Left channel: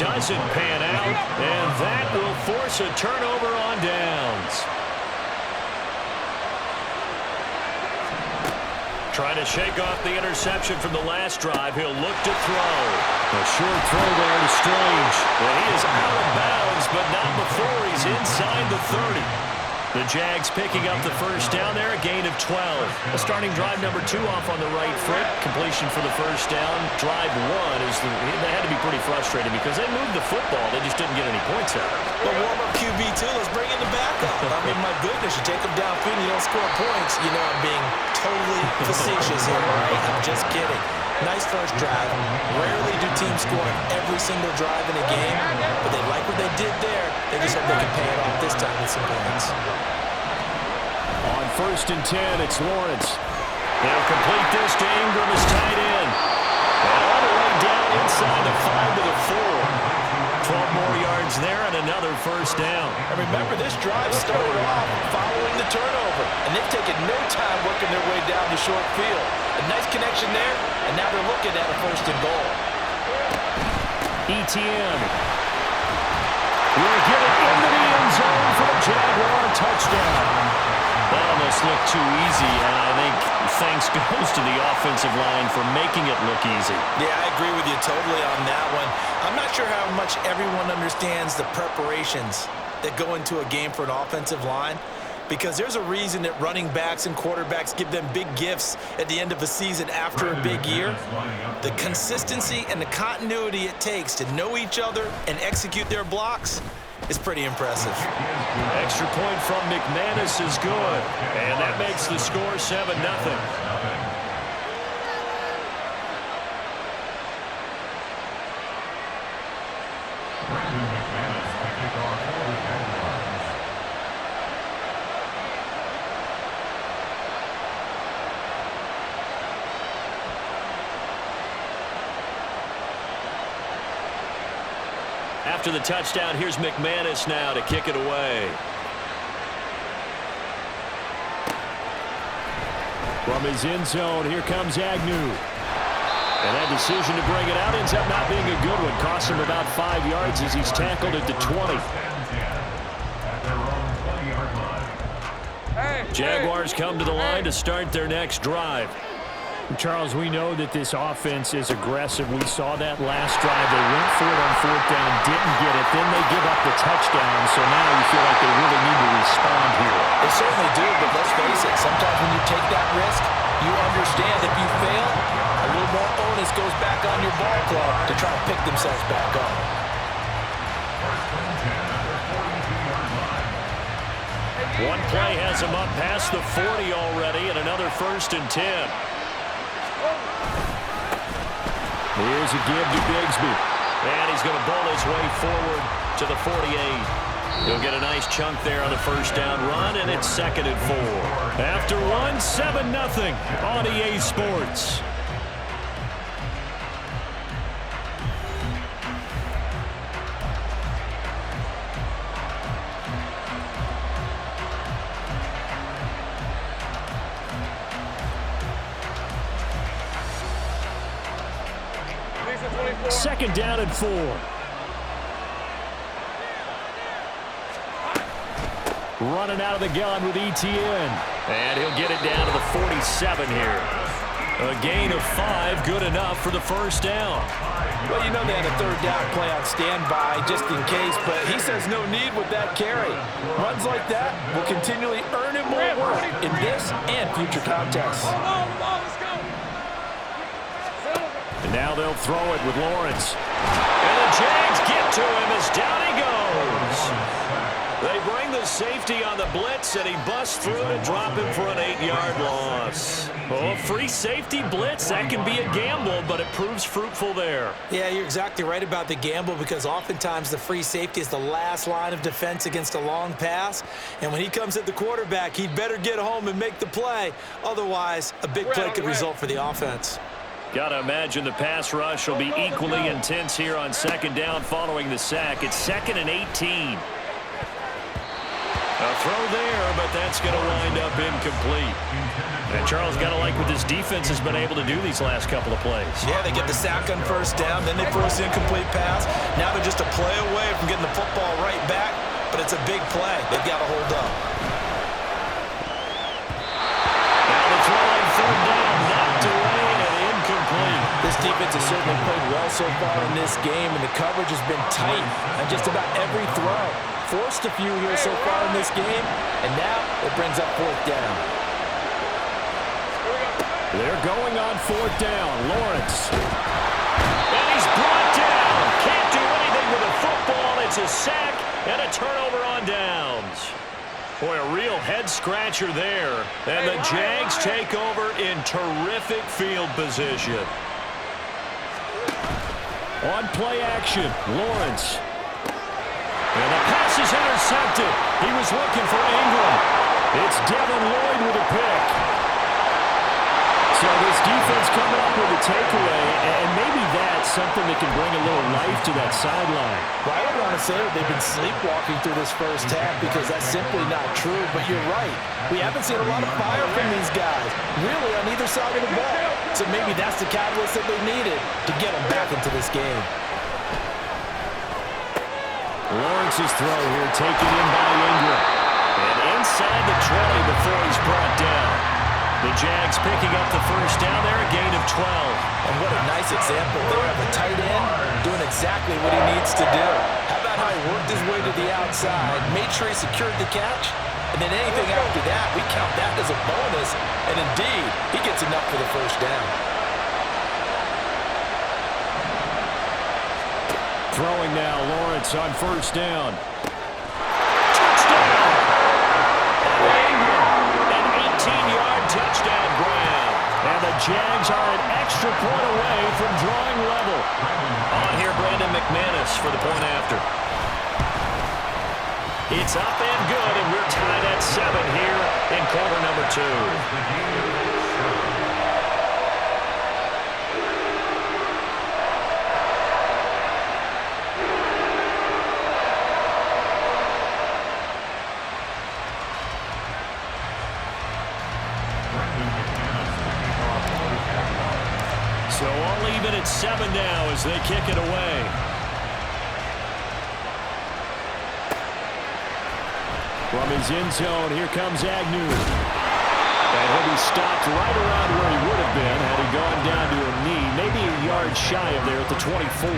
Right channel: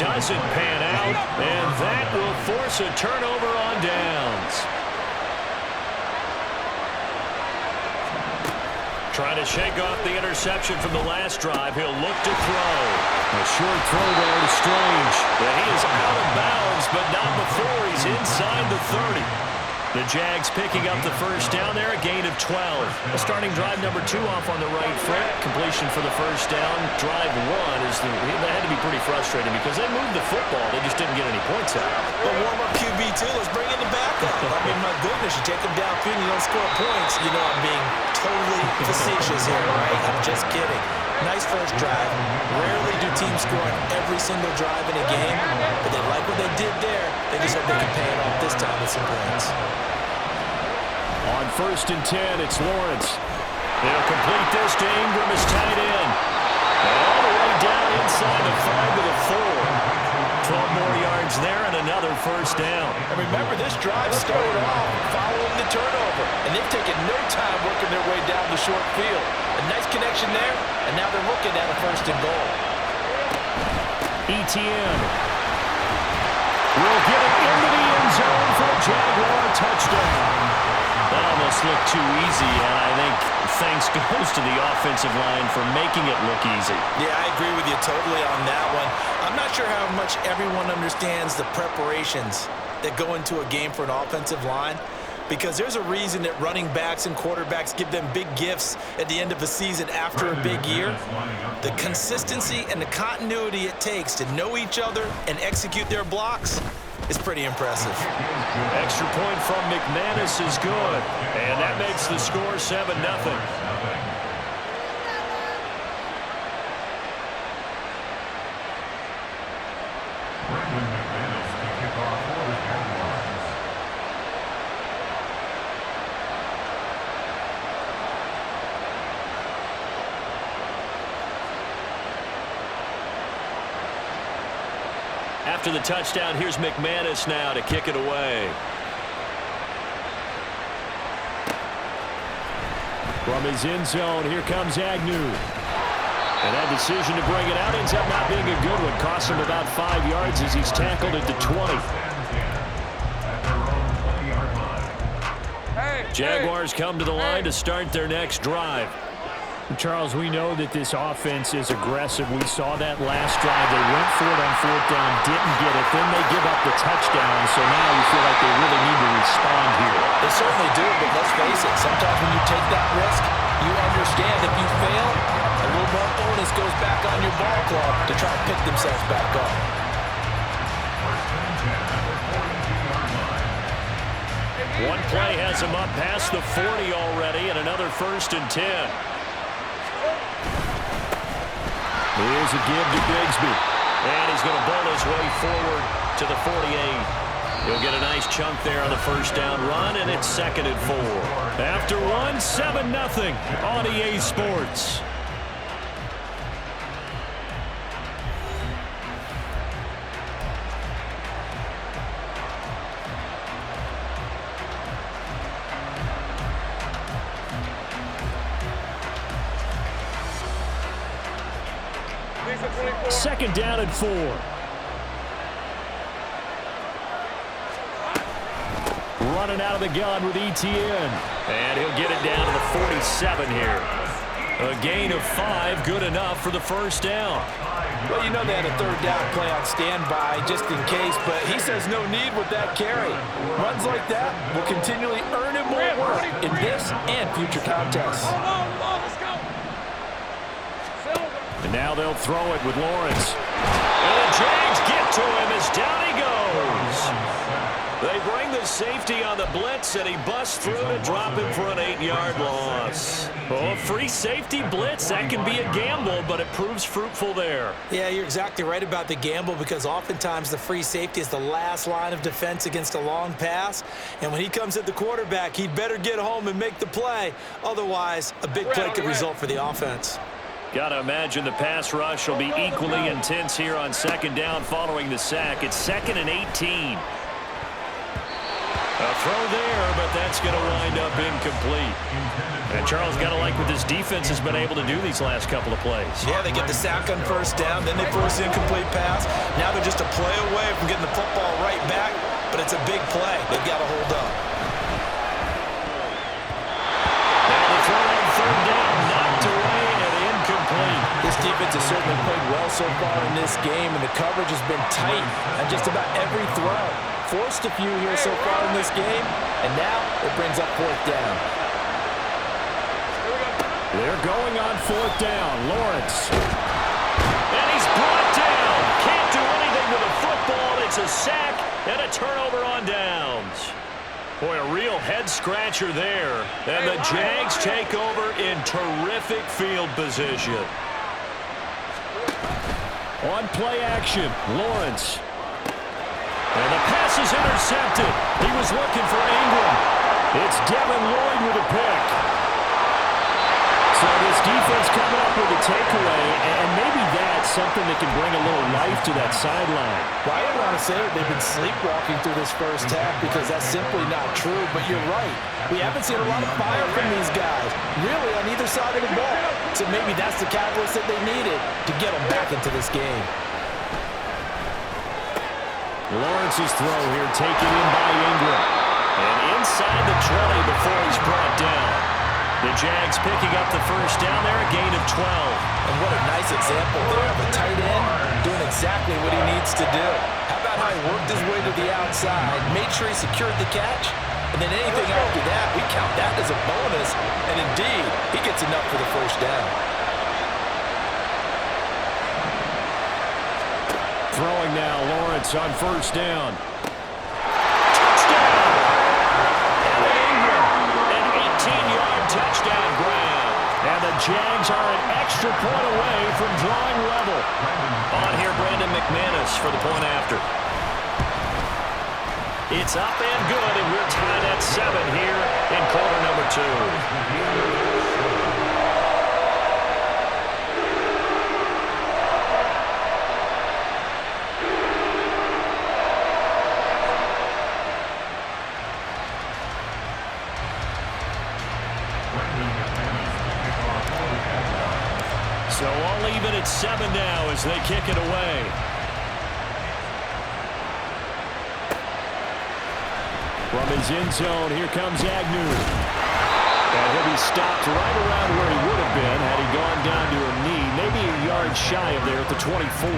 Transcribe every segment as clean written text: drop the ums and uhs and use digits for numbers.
doesn't pan out, and that will force a turnover on downs. Trying to shake off the interception from the last drive. He'll look to throw. A short throw there to Strange. And he is out of bounds, but not before he's inside the 30. The Jags picking up the first down there, a gain of 12. A starting drive number 2 off on the right foot. Completion for the first down. Drive 1 is they had to be pretty frustrating because they moved the football. They just didn't get any points out of it. But warm-up QB too. Let's bring in the backup. I mean, my goodness, you take them downfield and you don't score points. You know I'm being totally facetious here, right? I'm just kidding. Nice first drive. Rarely do teams score on every single drive in a game, but they like what they did there. They just hope they can pay it off this time with some points. On 1st and 10, it's Lawrence. They'll complete this to Ingram as tight end. And all the way down inside the 5 to the 4. 12 more yards there and another first down. And remember, this drive started off following the turnover, and they've taken no time working their way down the short field. A nice connection there, and now they're looking at a 1st and goal. ETN will get it into the end zone for a Jaguar touchdown. That almost looked too easy, and I think thanks goes to the offensive line for making it look easy. Yeah, I agree with you totally on that one. I'm not sure how much everyone understands the preparations that go into a game for an offensive line, because there's a reason that running backs and quarterbacks give them big gifts at the end of a season after a big year. The consistency and the continuity it takes to know each other and execute their blocks is pretty impressive. Extra point from McManus is good, and that makes the score 7-0. After the touchdown, here's McManus now to kick it away. From his end zone, here comes Agnew. And that decision to bring it out ends up not being a good one. Costs him about 5 yards as he's tackled at the 20. Jaguars come to the line to start their next drive. Charles, we know that this offense is aggressive. We saw that last drive. They went for it on 4th down, didn't get it. Then they give up the touchdown, so now you feel like they really need to respond here. They certainly do, but let's face it. Sometimes when you take that risk, you understand if you fail, a little more onus goes back on your ball club to try to pick themselves back up. One play has him up past the 40 already, and another 1st and 10. Here's a give to Bigsby. And he's going to bowl his way forward to the 48. He'll get a nice chunk there on the first down run, and it's 2nd and 4. After 1, 7-0 on EA Sports. Second down and 4. Running out of the gun with ETN. And he'll get it down to the 47 here. A gain of 5, good enough for the first down. Well, you know they had a 3rd down play on standby just in case, but he says no need with that carry. Runs like that will continually earn him more work in this and future contests. Let's go. And now they'll throw it with Lawrence. And the Jags get to him as down he goes. They bring the safety on the blitz, and he busts through to drop him for an 8-yard loss. Oh, free safety blitz, that can be a gamble, but it proves fruitful there. Yeah, you're exactly right about the gamble, because oftentimes the free safety is the last line of defense against a long pass. And when he comes at the quarterback, he'd better get home and make the play. Otherwise, a big play could result for the offense. Got to imagine the pass rush will be equally intense here on 2nd down following the sack. It's 2nd and 18. A throw there, but that's going to wind up incomplete. And Charles, got to like what this defense has been able to do these last couple of plays. Yeah, they get the sack on first down, then they force the incomplete pass. Now they're just a play away from getting the football right back, but it's a big play. They've got to hold up. Now the throw on third down, knocked away and incomplete. This defense has certainly played well so far in this game, and the coverage has been tight on just about every throw. Forced a few here so far in this game, and now it brings up fourth down. They're going on fourth down. Lawrence. And he's brought down. Can't do anything with a football. It's a sack and a turnover on downs. Boy, a real head-scratcher there. And the Jags take over in terrific field position. On play action, Lawrence. And the pass is intercepted. He was looking for Ingram. It's Devin Lloyd with a pick. So this defense coming up with a takeaway, and maybe that's something that can bring a little life to that sideline. Well, I don't want to say that they've been sleepwalking through this first half because that's simply not true, but you're right. We haven't seen a lot of fire from these guys, really on either side of the ball. So maybe that's the catalyst that they needed to get them back into this game. Lawrence's throw here taken in by Ingram. And inside the 20 before he's brought down. The Jags picking up the first down there, a gain of 12. And what a nice example there of a tight end doing exactly what he needs to do. How about how he worked his way to the outside, made sure he secured the catch, and then anything after that, we count that as a bonus. And indeed, he gets enough for the first down. Throwing now, Lawrence on first down. Touchdown! Evan Ingram, an 18-yard touchdown grab. And the Jags are an extra point away from drawing level. On here, Brandon McManus for the point after. It's up and good, and we're tied at 7 here in quarter number 2. So all even at 7 now as they kick it away. From his end zone, here comes Agnew. And he'll be stopped right around where he would have been had he gone down to a knee, maybe a yard shy of there at the 24.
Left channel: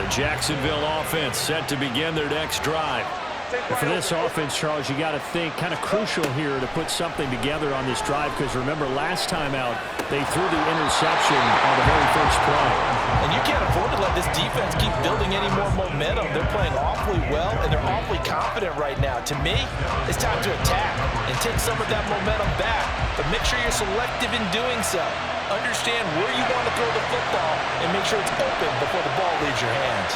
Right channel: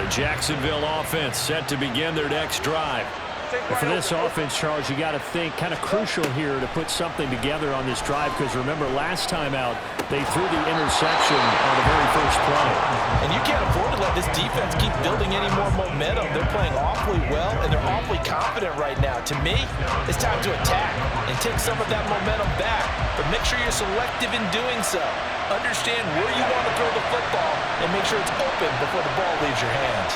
The Jacksonville offense set to begin their next drive. And for this offense, Charles, you got to think kind of crucial here to put something together on this drive because remember last time out they threw the interception on the very first play. And you can't afford to let this defense keep building any more momentum. They're playing awfully well and they're awfully confident right now. To me, it's time to attack and take some of that momentum back, but make sure you're selective in doing so. Understand where you want to throw the football and make sure it's open before the ball leaves your hands.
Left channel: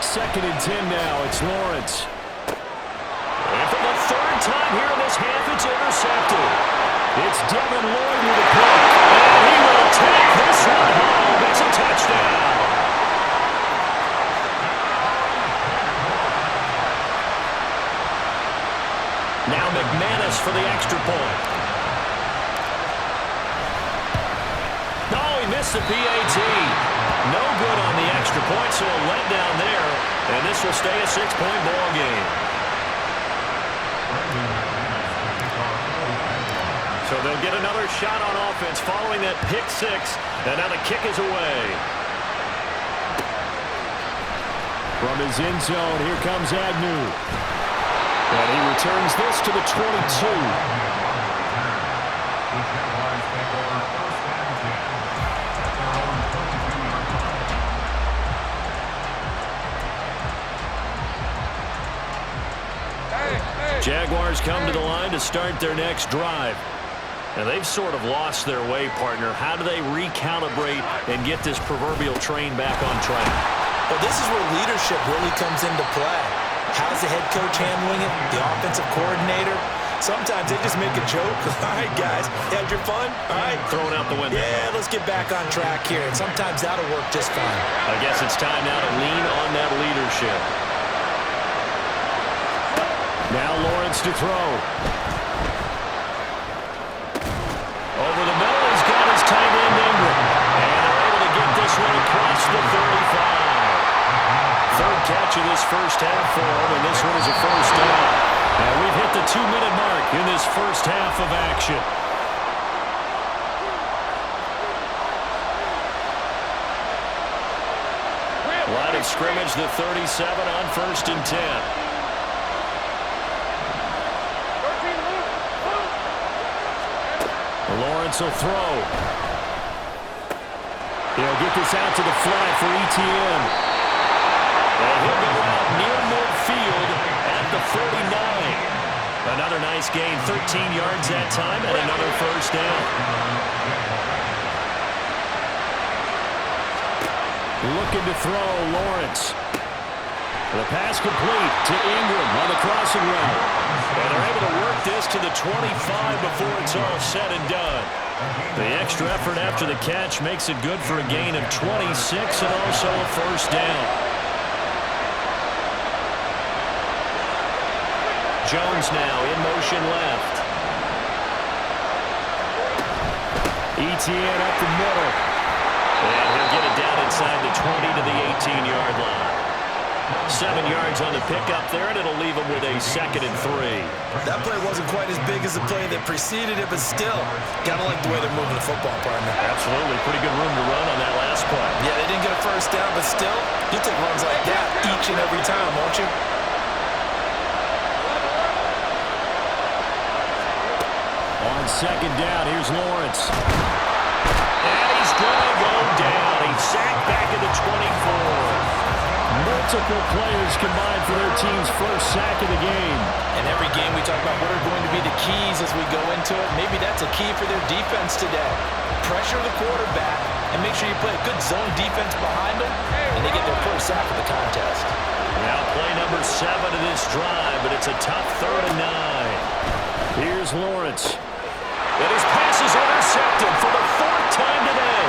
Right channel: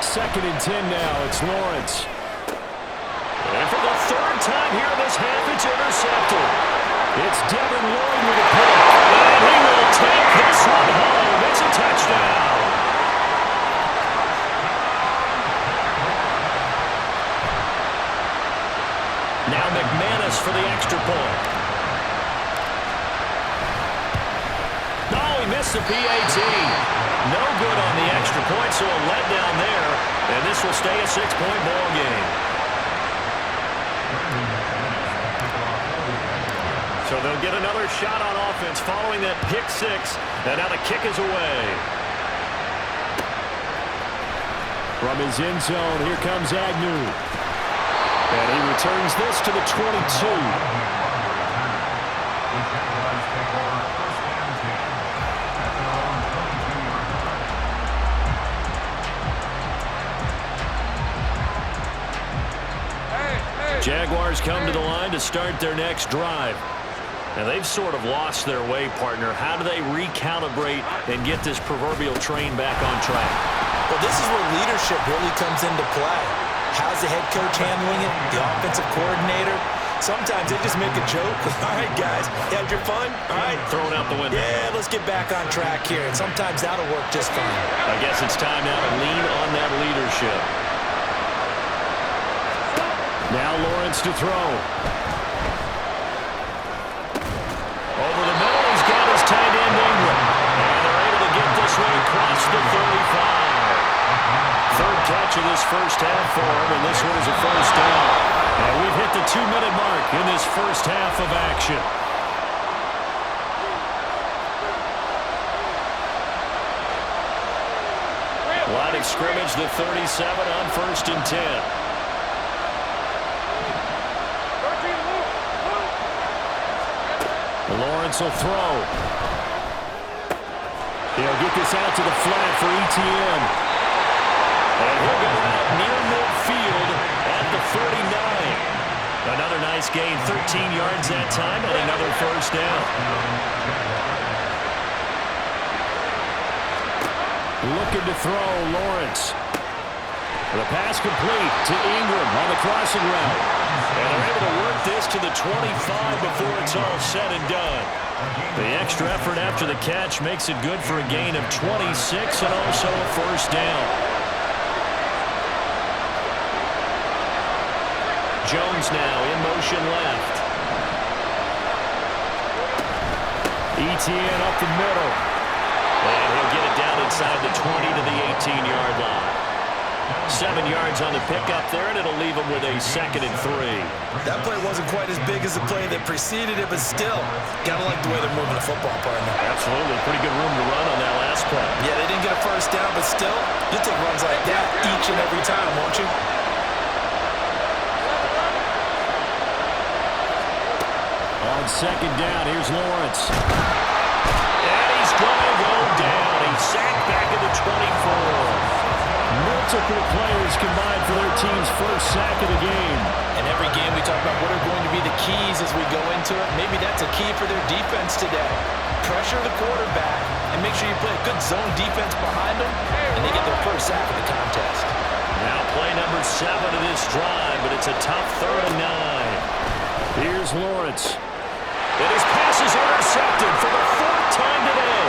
Second and 10 now. It's Lawrence. And for the third time here in this half, it's intercepted. It's Devin Lloyd with a pick. And he will take this one home. It's a touchdown. Now McManus for the extra point. No, he missed the PAT. No good on the extra point, so a letdown there. And this will stay a 6-point ball game. So they'll get another shot on offense following that pick 6. And now the kick is away. From his end zone, here comes Agnew. And he returns this to the 22. Jaguars come to the line to start their next drive. And they've sort of lost their way, partner. How do they recalibrate and get this proverbial train back on track? Well, this is where leadership really comes into play. How's the head coach handling it? The offensive coordinator? Sometimes they just make a joke. All right, guys, you had your fun? All right. Throw it out the window. Yeah, let's get back on track here. And sometimes that'll work just fine. I guess it's time now to lean on that leadership. Now Lawrence to throw. Over the middle, he's got his tight end Ingram. And they're able to get this one across the 35. Third catch of this first half for him, and this one is a first down. And we've hit the 2-minute mark in this first half of action. Line of scrimmage, the 37 on 1st and 10. Lawrence will throw. He'll get this out to the flat for ETN. And he'll go out near midfield at the 39. Another nice gain, 13 yards that time, and another first down. Looking to throw, Lawrence. The pass complete to Ingram on the crossing route. And they're able to work this to the 25 before it's all said and done. The extra effort after the catch makes it good for a gain of 26 and also a first down. Jones now in motion left. ETN up the middle. And he'll get it down inside the 20 to the 18-yard line. 7 yards on the pickup there, and it'll leave him with a 2nd and 3. That play wasn't quite as big as the play that preceded it, but still, gotta like the way they're moving the football, partner. Absolutely. Pretty good room to run on that last play. Yeah, they didn't get a first down, but still, you'll take runs like that each and every time, won't you? On 2nd down, here's Lawrence. And he's going to go down. He's sacked back at the 24. Multiple players combined for their team's first sack of the game. And every game we talk about what are going to be the keys as we go into it. Maybe that's a key for their defense today. Pressure the quarterback and make sure you play a good zone defense behind them, and they get their first sack of the contest. Now play number 7 of this drive, but it's a tough 3rd and 9. Here's Lawrence. And his pass is intercepted for the 4th time today.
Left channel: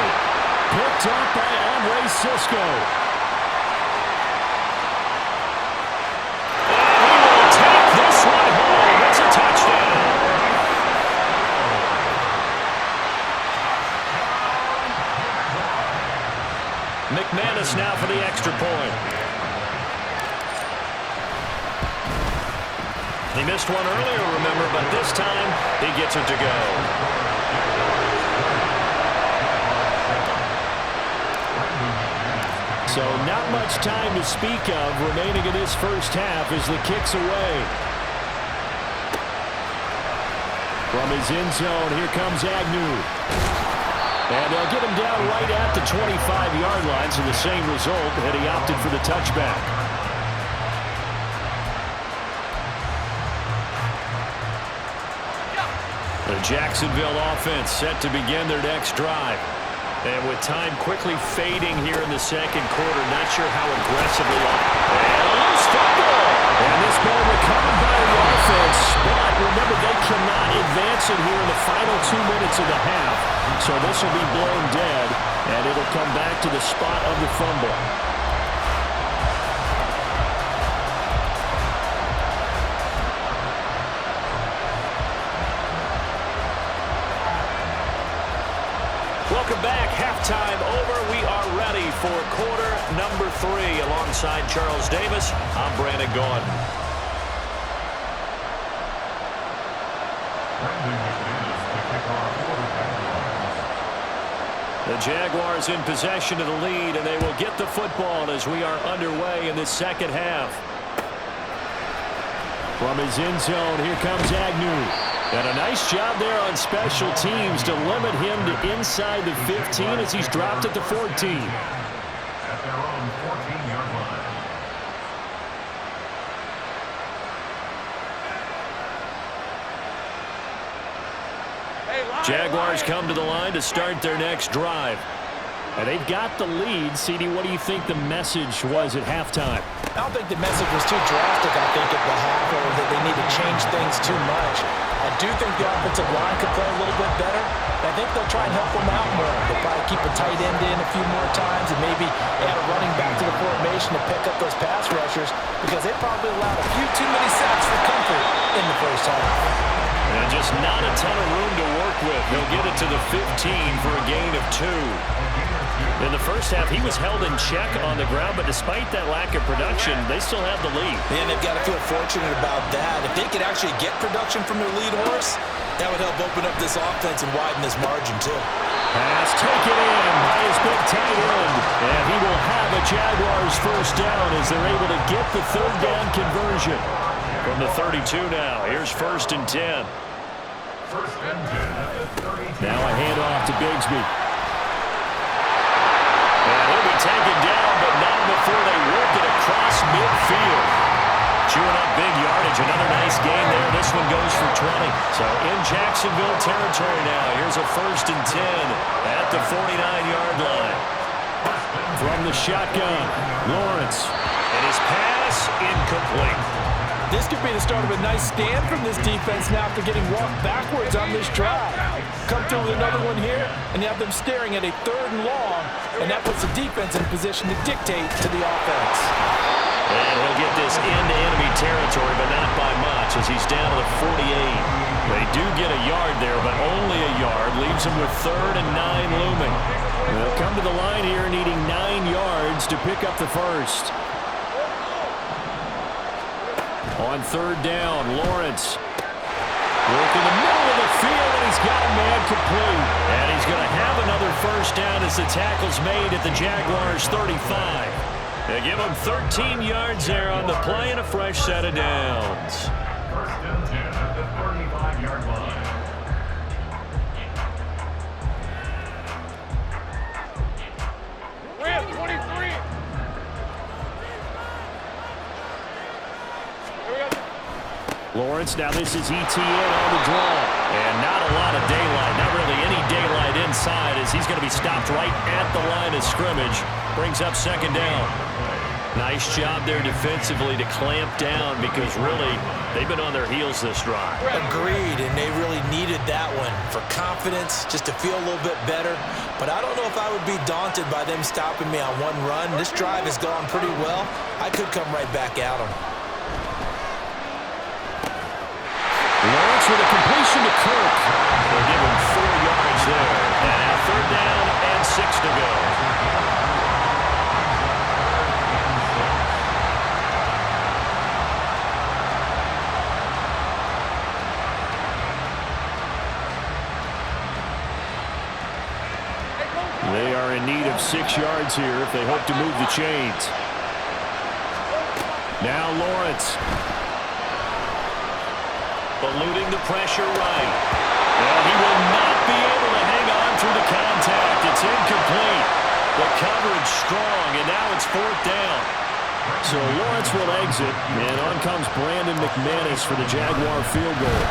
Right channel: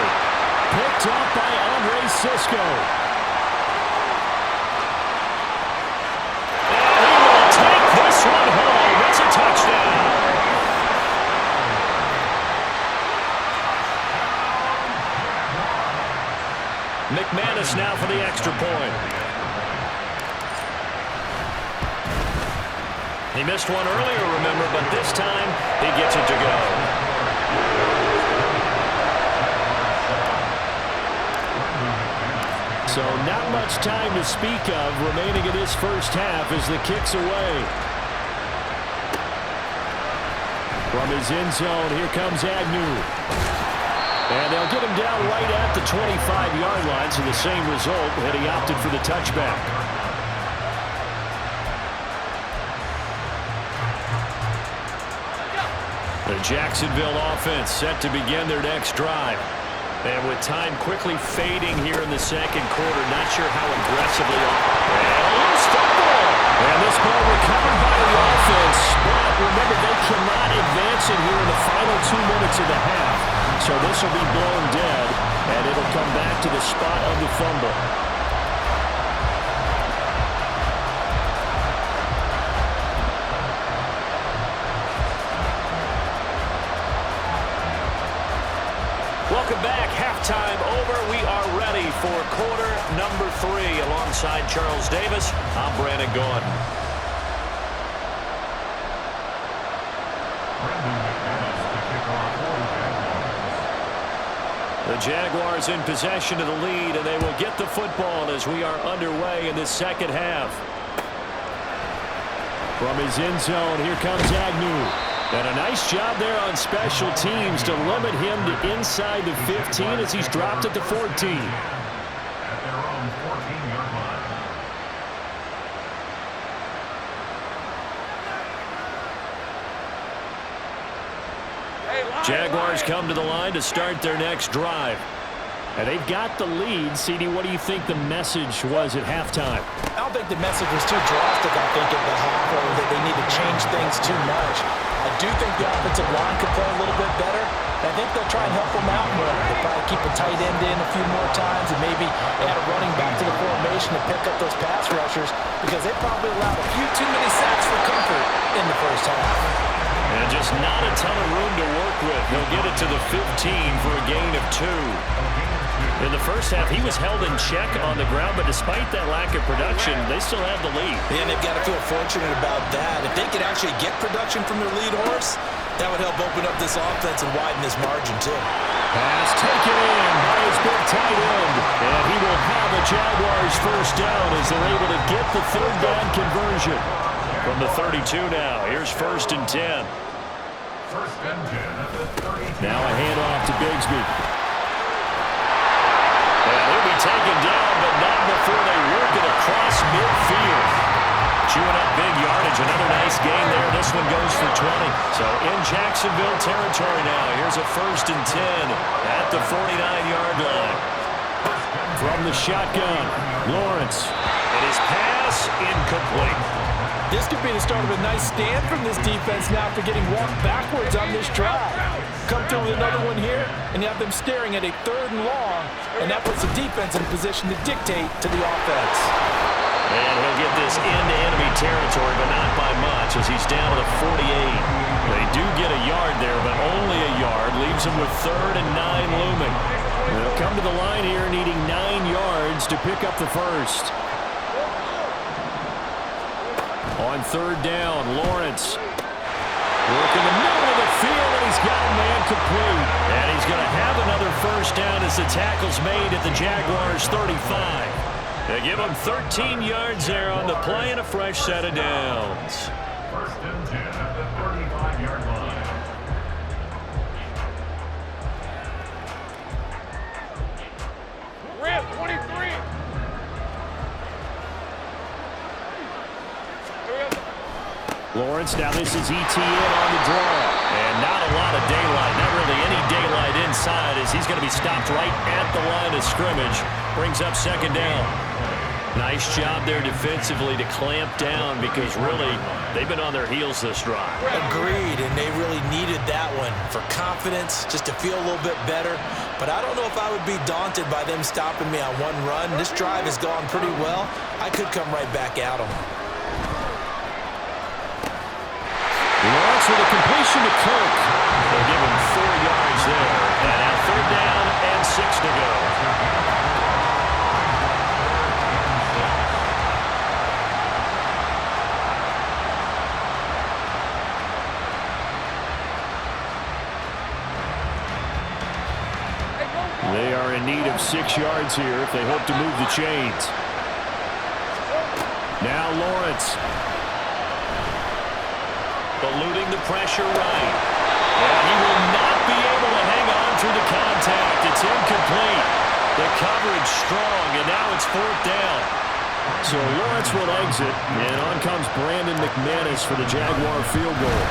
Picked up by Andre Sisco. And he will take this one home. It's a touchdown. McManus now for the extra point. He missed one earlier, remember, but this time he gets it to go. So not much time to speak of remaining in this first half as the kick's away. From his end zone, here comes Agnew. And they'll get him down right at the 25-yard line, so the same result, and he opted for the touchback. The Jacksonville offense set to begin their next drive. And with time quickly fading here in the second quarter, not sure how aggressively. And a loose football. And this ball recovered by the offense. But remember, they cannot advance it here in the final 2 minutes of the half. So this will be blown dead, and it'll come back to the spot of the fumble. Welcome back. Halftime over. We are ready for quarter number 3. Alongside Charles Davis, I'm Brandon Gaudin. The Jaguars in possession of the lead, and they will get the football as we are underway in this second half. From his end zone, here comes Agnew. And a nice job there on special teams to limit him to inside the 15 as he's dropped at the 14. At their own 14-yard line. Jaguars come to the line to start their next drive. And they've got the lead. CD, what do you think the message was at halftime? I don't think the message was too drastic, I think, at the half, or that they need to change things too much. I do think the offensive line could play a little bit better, I think they'll try and help him out more. They'll probably keep a tight end in a few more times and maybe add a running back to the formation to pick up those pass rushers because they probably allowed a few too many sacks for comfort in the first half. And just not a ton of room to work with. He'll get it to the 15 for a gain of 2. In the first half, he was held in check on the ground, but despite that lack of production, they still have the lead. And they've got to feel fortunate about that. If they could actually get production from their lead horse, that would help open up this offense and widen this margin, too. Pass taken in by his big tight end. And he will have a Jaguars first down as they're able to get the third down conversion. From the 32 now, here's 1st and 10. First and 10 at the 32. Now a handoff to Bigsby. And he'll be taken down, but not before they work it across midfield. Chewing up big yardage. Another nice gain there. This one goes for 20. So in Jacksonville territory now. Here's a 1st and 10 at the 49-yard line. From the shotgun, Lawrence. And his pass incomplete. This could be the start of a nice stand from this defense now after getting walked backwards on this drive. Come through with another one here, and you have them staring at a 3rd and long, and that puts the defense in position to dictate to the offense. And he'll get this into enemy territory, but not by much as he's down to the 48. They do get a yard there, but only a yard. Leaves him with 3rd and 9 looming. They'll come to the line here needing 9 yards to pick up the first. On 3rd down, Lawrence. Work in the middle of the field, and he's got a man complete. And he's going to have another first down as the tackle's made at the Jaguars' 35. They give him 13 yards there on the play and a fresh set of downs. 1st and 10 at the 35-yard line. Red 23. Lawrence, now this is ETN on the draw. And not a lot of daylight, not really any daylight inside as he's going to be stopped right at the line of scrimmage. Brings up 2nd down. Nice job there defensively to clamp down because really they've been on their heels this drive. Agreed, and they really needed that one for confidence, just to feel a little bit better. But I don't know if I would be daunted by them stopping me on one run. This drive has gone pretty well. I could come right back at them. Lawrence with a completion to Cook. They'll give him 4 yards there. And now 3rd down and 6 to go. They are in need of 6 yards here if they hope to move the chains. Now Lawrence. Eluding the pressure right. And he will not be able to hang on through the contact. It's incomplete. The coverage strong, and now it's 4th down. So Lawrence will exit, and on comes Brandon McManus for the Jaguar field goal.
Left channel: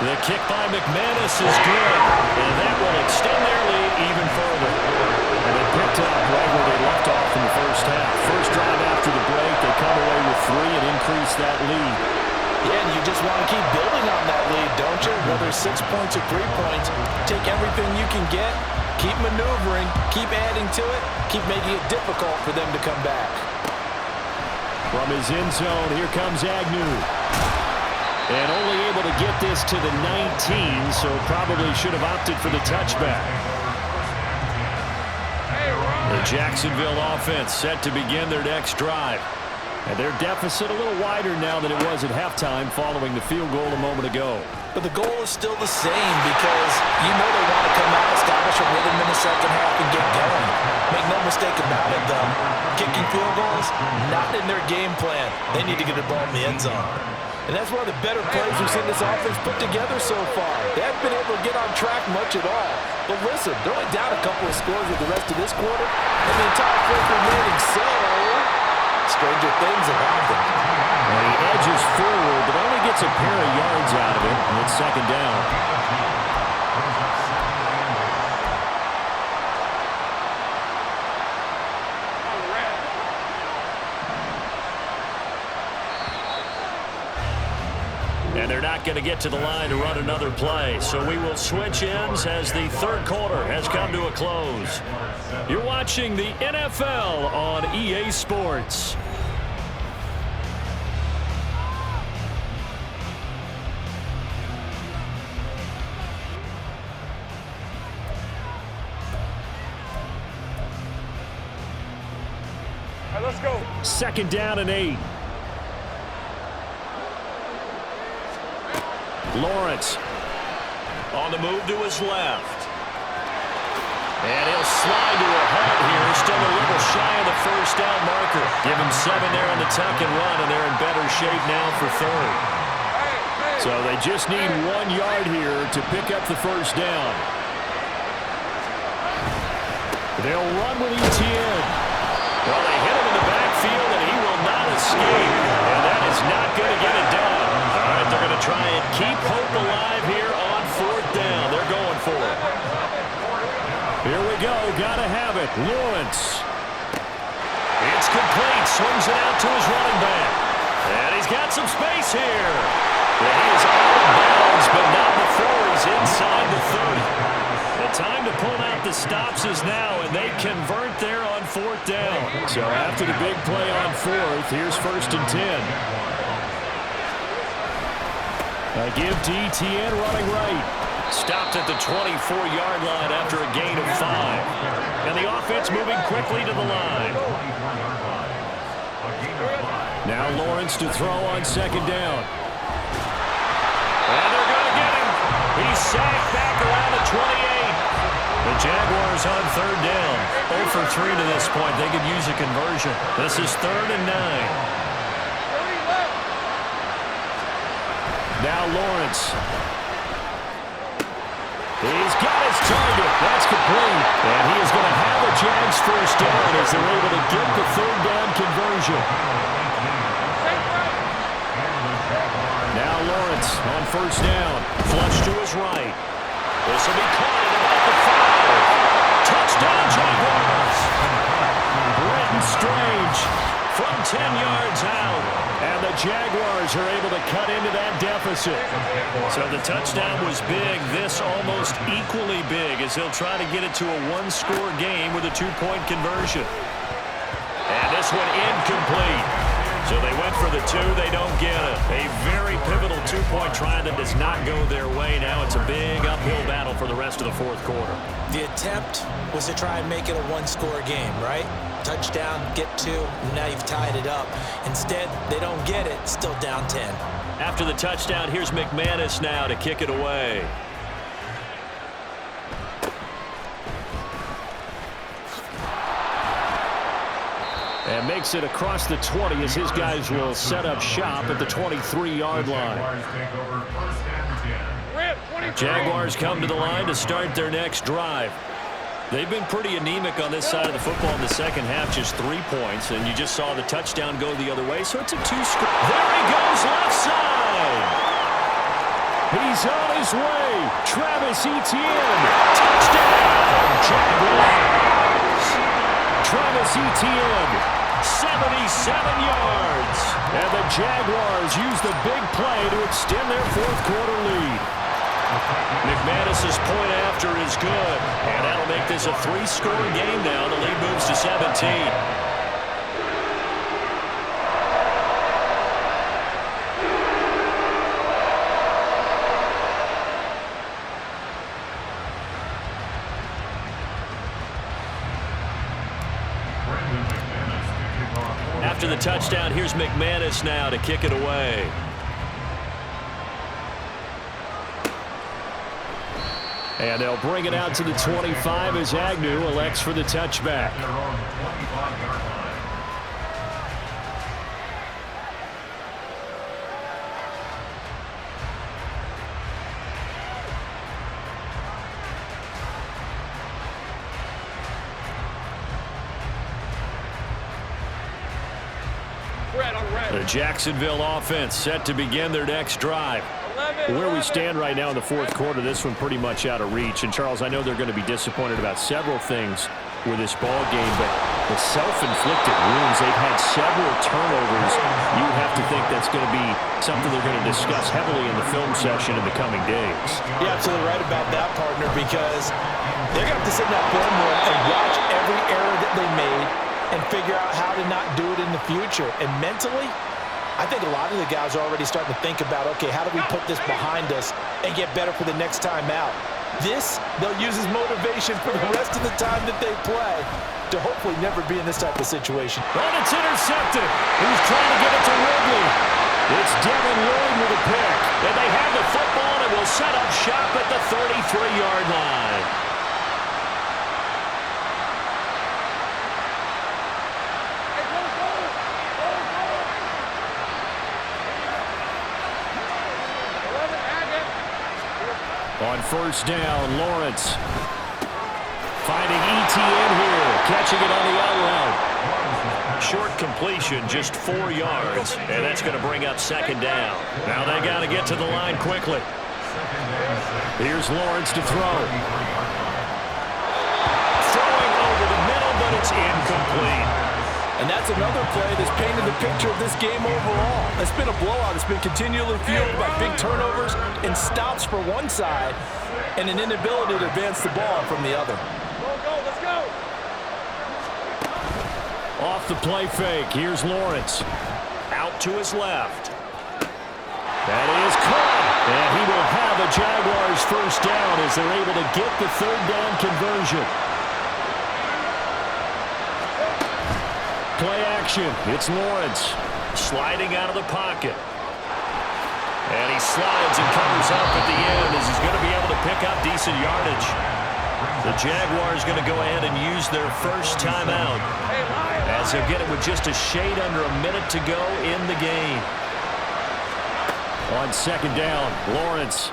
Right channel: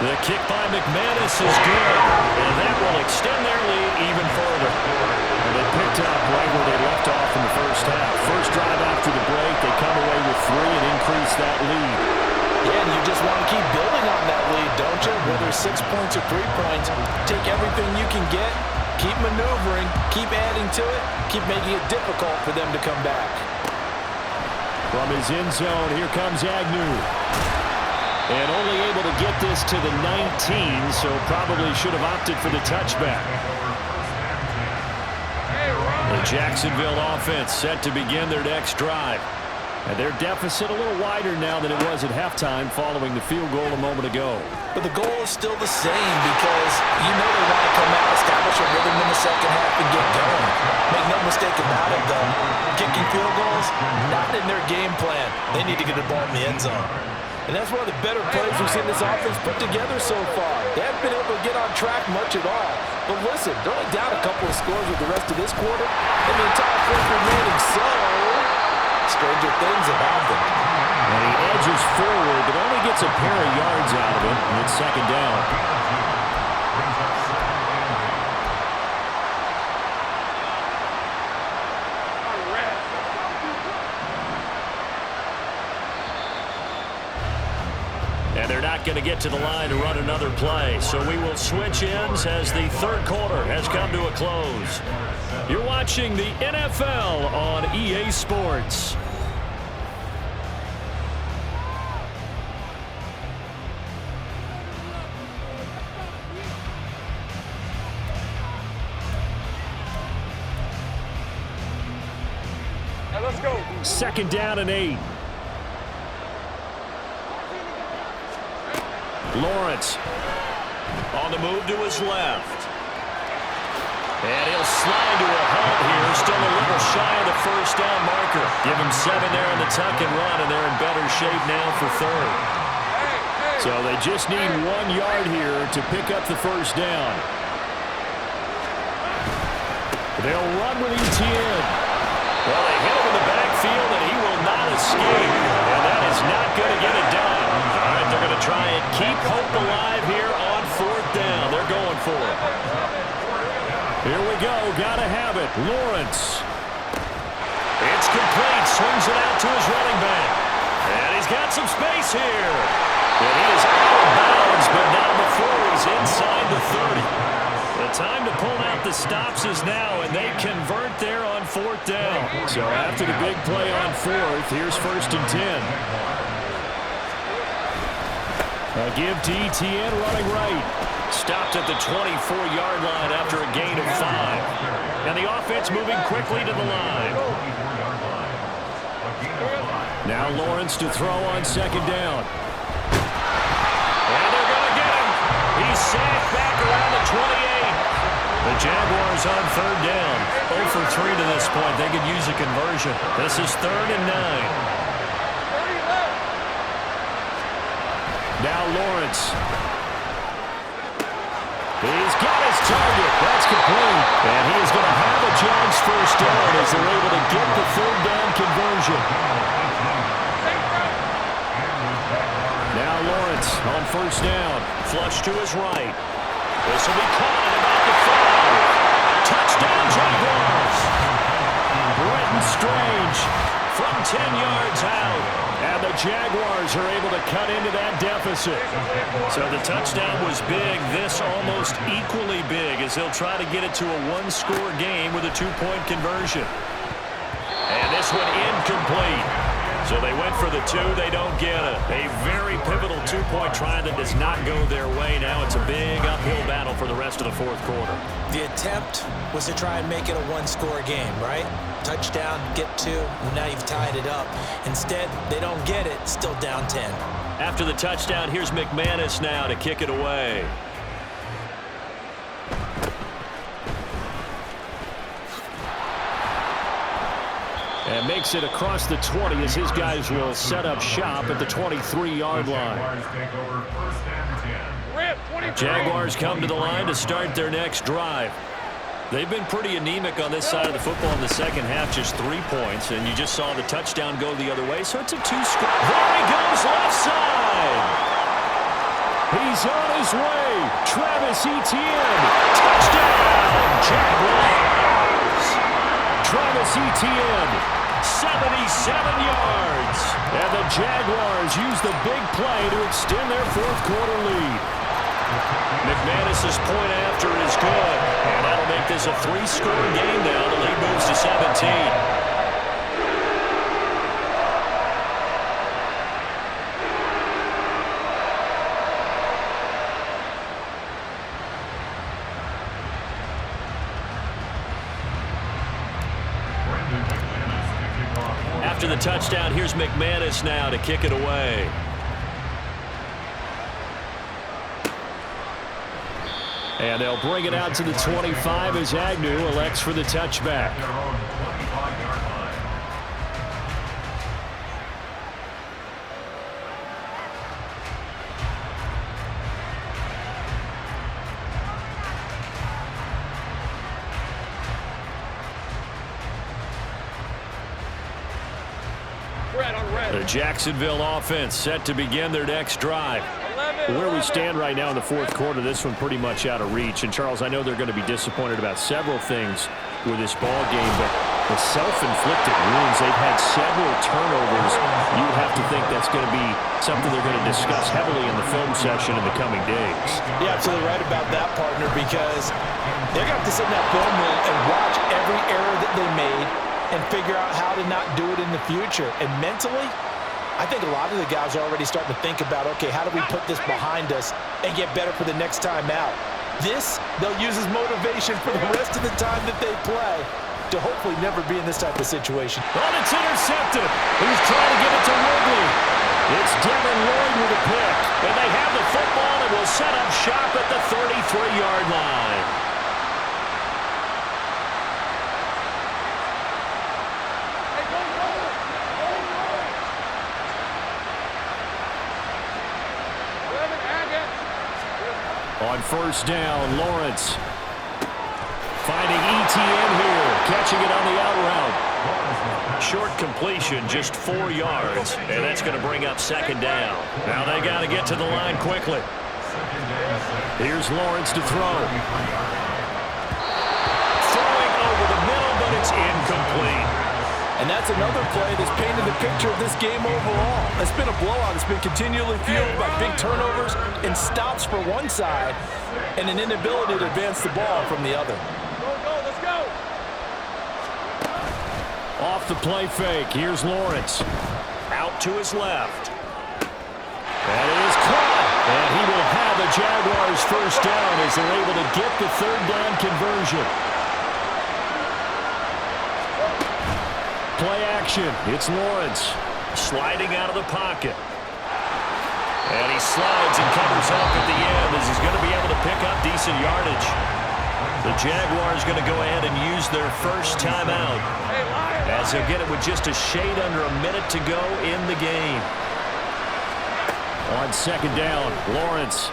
The kick by McManus is good, and that will extend their lead even further. And they picked up right where they left off in the first half. First drive after the break, they come away with 3 and increase that lead. Yeah, and you just want to keep building on that lead, don't you? Whether 6 points or 3 points, take everything you can get, keep maneuvering, keep adding to it, keep making it difficult for them to come back. From his end zone, here comes Agnew. And only able to get this to the 19, so probably should have opted for the touchback. The Jacksonville offense set to begin their next drive. And their deficit a little wider now than it was at halftime following the field goal a moment ago. But the goal is still the same because you know they want to come out, establish a rhythm in the second half, and get going. Make no mistake about it, though. Kicking field goals, not in their game plan. They need to get the ball in the end zone. And that's one of the better plays we've seen this offense put together so far. They haven't been able to get on track much at all. But listen, they're only down a couple of scores with the rest of this quarter, and the entire fourth remaining, so stranger things have happened. And he edges forward, but only gets a pair of yards out of it, and it's 2nd down. And they're not going to get to the line to run another play. So we will switch ends as the third quarter has come to a close. You're watching the NFL on EA Sports. Let's go. 2nd down and 8. Lawrence on the move to his left. And he'll slide to a halt here. Still a little shy of the first down marker. Give him 7 there on the tuck and run, and they're in better shape now for third. So they just need 1 yard here to pick up the first down. They'll run with Etienne. Well, they hit him in the backfield, and he will not escape. And that is not going to get it done. All right, they're going to try and keep hope alive here on 4th down. They're going for it. Here we go. Got to have it. Lawrence. It's complete. Swings it out to his running back. And he's got some space here. And he is out of bounds, but not before he's inside the 30. The time to pull out the stops is now, and they convert there on 4th down. So after the big play on 4th, here's 1st and 10. A give to Etienne running right. Stopped at the 24-yard line after a gain of 5. And the offense moving quickly to the line. Now Lawrence to throw on 2nd down. And they're going to get him. He's sacked back around the 28. The Jaguars on 3rd down. 0 for 3 to this point. They could use a conversion. This is 3rd and 9. Now Lawrence. He's got his target. That's complete. And he is going to have a Jags first down as they're able to get the 3rd down conversion. Now Lawrence on 1st down. Flush to his right. This will be caught at about the 5. Touchdown Jaguars. Brenton Strange from 10 yards out. And the Jaguars are able to cut into that deficit. So the touchdown was big. This almost equally big as they'll try to get it to a 1-score game with a 2-point conversion. And this one incomplete. So they went for the 2. They don't get it. A very pivotal 2-point try that does not go their way. Now it's a big uphill battle for the rest of the 4th quarter. The attempt was to try and make it a 1-score game, right? Touchdown, get 2, and now you've tied it up. Instead, they don't get it, still down 10. After the touchdown, here's McManus now to kick it away. And makes it across the 20 as his guys will set up shop at the 23-yard line. Jaguars come to the line to start their next drive. They've been pretty anemic on this side of the football in the second half, just 3 points, and you just saw the touchdown go the other way, so it's a 2-score. There he goes, left side. He's on his way. Travis Etienne. Touchdown, Jaguars. Travis Etienne. 77 yards. And the Jaguars use the big play to extend their 4th quarter lead. McManus's point after is good, and that'll make this a 3-score game now. The lead moves to 17. After the touchdown, here's McManus now to kick it away. And they'll bring it out to the 25 as Agnew elects for the touchback. The Jacksonville offense set to begin their next drive. 11. Where we stand right now in the fourth quarter, this one pretty much out of reach. And, Charles, I know they're going to be disappointed about several things with this ball game, but the self-inflicted wounds, they've had several turnovers. You have to think that's going to be something they're going to discuss heavily in the film session in the coming days. You're absolutely right about that, partner, because they're going to have to sit in that film room and watch every error that they made and figure out how to not do it in the future. And mentally, I think a lot of the guys are already starting to think about, okay, how do we put this behind us and get better for the next time out? This, they'll use as motivation for the rest of the time that they play to hopefully never be in this type of situation. And it's intercepted. He's trying to get it to Ridley. It's Devin Lloyd with a pick. And they have the football and will set up shop at the 33-yard line. On first down, Lawrence finding ETN here, catching it on the out route. Short completion, just 4 yards, and that's going to bring up second down. Now they got to get to the line quickly. Here's Lawrence to throw. Throwing over the middle, but it's incomplete. And that's another play that's painted the picture of this game overall. It's been a blowout. It's been continually fueled by big turnovers and stops for one side and an inability to advance the ball from the other. Go, let's go. Off the play fake, here's Lawrence. Out to his left. That is caught. And he will have a Jaguars first down as they're able to get the third down conversion. Play action. It's Lawrence. Sliding out of the pocket. And he slides and covers up at the end as he's going to be able to pick up decent yardage. The Jaguars going to go ahead and use their first timeout as they'll get it with just a shade under a minute to go in the game. On second down, Lawrence.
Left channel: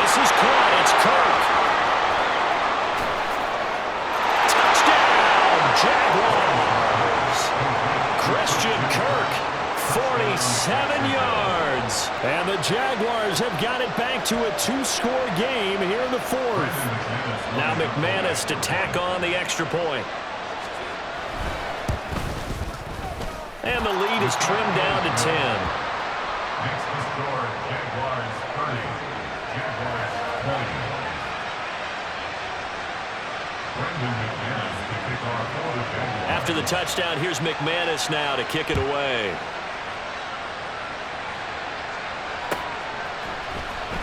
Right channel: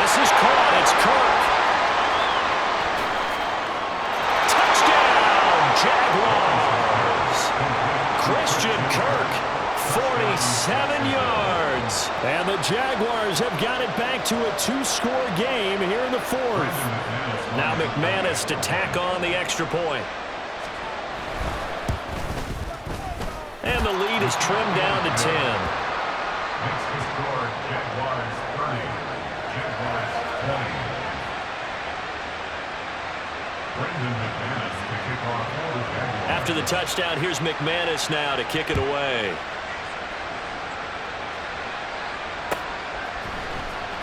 This is caught. It's Kirk. Touchdown, Jaguars. Christian Kirk, 47 yards. And the Jaguars have got it back to a two-score game here in the fourth. Now McManus to tack on the extra point. And the lead is trimmed down to 10. Makes the score Jaguars 30, Jaguars 20. Brendan McManus to kick off for the Jaguars. After the touchdown, here's McManus now to kick it away.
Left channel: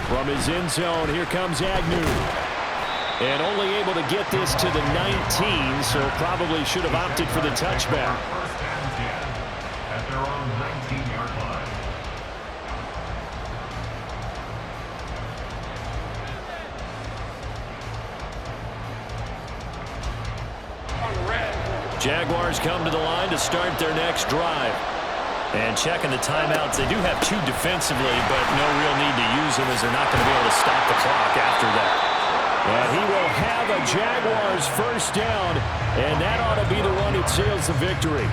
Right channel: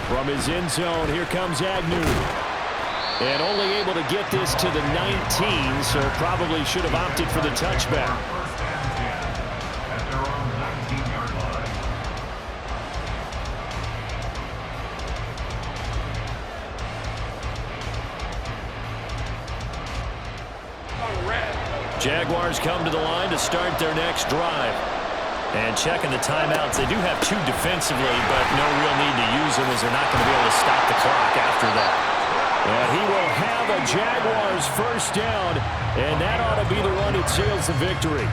From his end zone, here comes Agnew. And only able to get this to the 19, so probably should have opted for the touchback. First and 10 at their own 19-yard line. Jaguars come to the line to start their next drive. And checking the timeouts, they do have 2 defensively, but no real need to use them as they're not going to be able to stop the clock after that. And he will have a Jaguars first down, and that ought to be the one that seals the victory.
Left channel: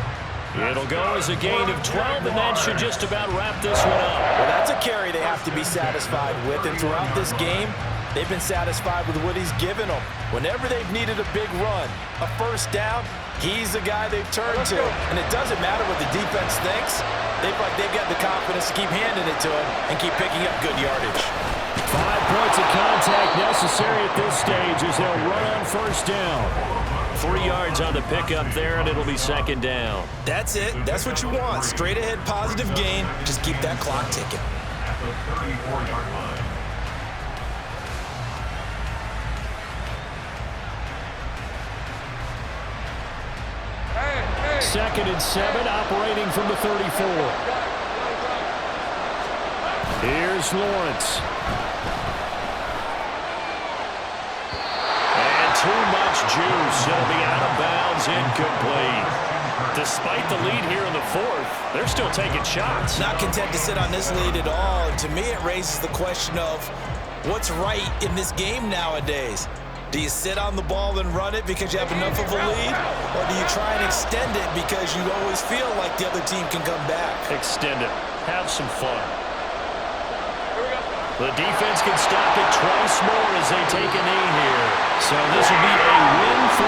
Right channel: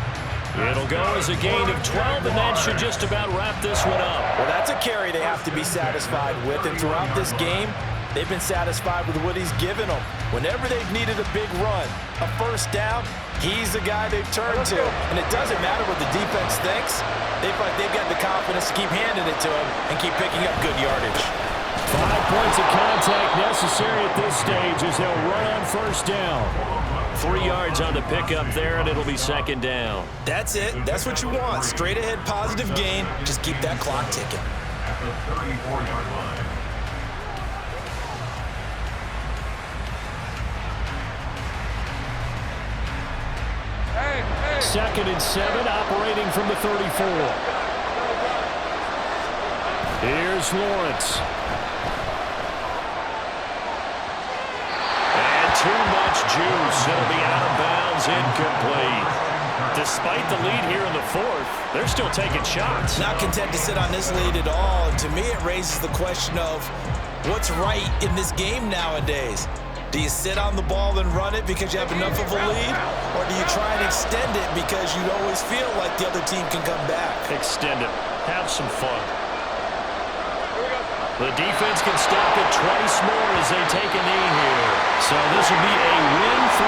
It'll go as a gain of 12, and that should just about wrap this one up. Well, that's a carry they have to be satisfied with, and throughout this game, they've been satisfied with what he's given them. Whenever they've needed a big run, a first down, he's the guy they've turned to. And it doesn't matter what the defense thinks. They feel like they've got the confidence to keep handing it to him and keep picking up good yardage. 5 points of contact necessary at this stage as they'll run on first down. 3 yards on the pickup there, and it'll be second down. That's it. That's what you want. Straight ahead positive gain. Just keep that clock ticking. At the 34-yard line. Second and 7, operating from the 34. Here's Lawrence. And too much juice. It'll be out of bounds, incomplete. Despite the lead here in the fourth, they're still taking shots. Not content to sit on this lead at all. And to me, it raises the question of what's right in this game nowadays. Do you sit on the ball and run it because you have enough of a lead? Or do you try and extend it because you always feel like the other team can come back? Extend it. Have some fun. The defense can stop it twice more as they take a knee here. So this will be a win for